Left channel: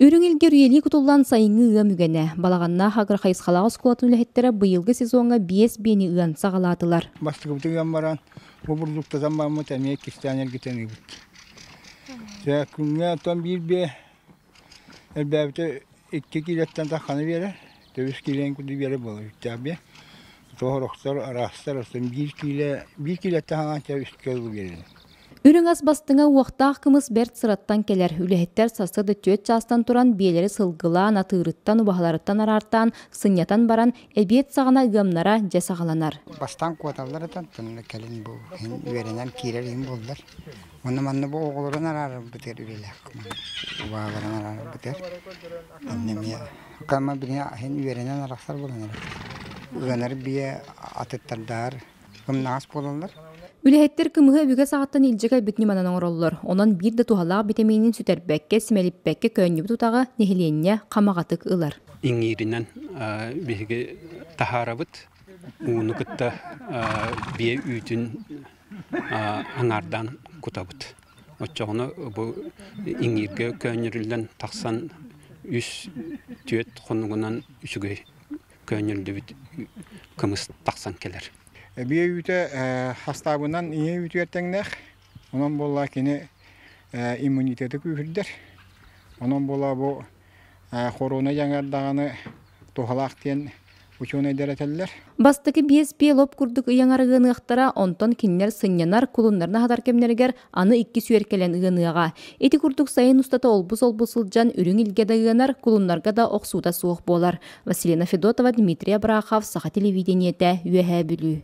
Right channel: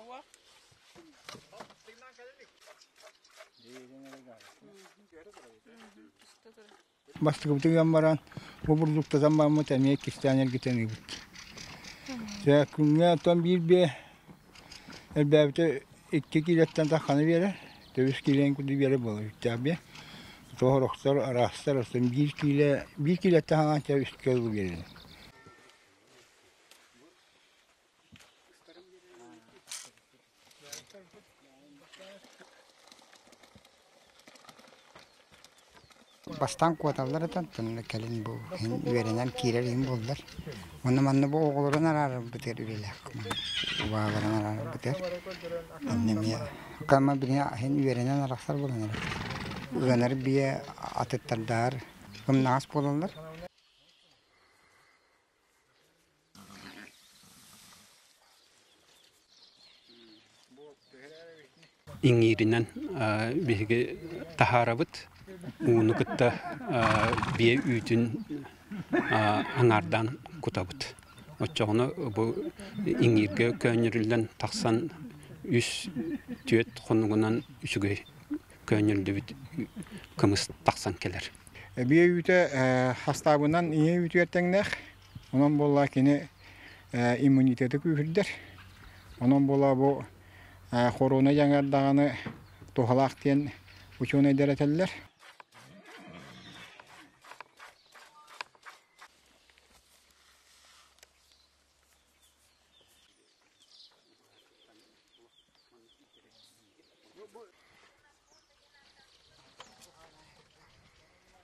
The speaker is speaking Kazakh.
Үрүң илгер үйели кутуллан сайынгы ыа мүгене. Балаганна хагыр хайысқалағы скулатын үлэхеттері бұйылғы сезонға 5 бені ыан сағалатылар. Бастығы бұтыған баран, бұл бұрдықтазан бармы тәмей кестянер кетен үйбіт. Күнге оттан бір бе, әлбәбіті 2 килеттен таққаны бері, 9 килен күді бері болу. Тәбе, тоғырықтар, арастар, 1 килеттен хаған тәбе үстке ұлы береді. Үрүң ас бастыңа уақтақ кымыз бәрт сыраттан келер. Үлэхеттер сасырды төт частан туран биелері сылғылан, атырыттан, убахаларыттан арартан, сынятан баран, әбиет сағана ұғамнара жасағаланар. Бастан қуаталар атан, тұнны кәлін бұл. Үйерінен кейлер ең болдар. Оны манны бұл оғылырын арары бұтер үрелек. Уағылырын арары бұтер. Әннеме. Қама біріне үйерінен арақсар боланар. Ұғанар бие атыттардар. Қымнағас болалар. Үлэхеттер кымығы өбіге сағаттан илжіға бүтні манан оңыролылар. Онан бір де тухалаға бітемейінің сүтербәкке, сімеліпбәкке көнні бұтутаға нехіленне қамағатық ылар. Иңирінен бігі тахарабыт, уыны күтті бие үйтін аңардан күтабыт. Отчағыны бұл иңирге көнірілден тақсан үс түйет қонығынан үшіге көнірілді біт кымыз тақсан келер. Бие үйті хастабынан ие үйті ертеңнәқ. Онан бола кені иммунитеті күйірдер. Онан бола бұл хорона жаңардағаны тоғалақтен ученый дәрәтелілер. Бастығы бес лоп күрдік ұяңарығыны ұқтара, онтон кинлер сынянар кулунларына хадар кемнергер аны 2 сүйеркелен ұғыныға. Эти күрдік сайын ұстата олбус-олбусылжан үрің илгеді ұғынар, кулунларға да оқсуда суық болар. Василина Федотова, Дмитрий Абрахов, Саха телевидениеті, Үйәхә бүлі.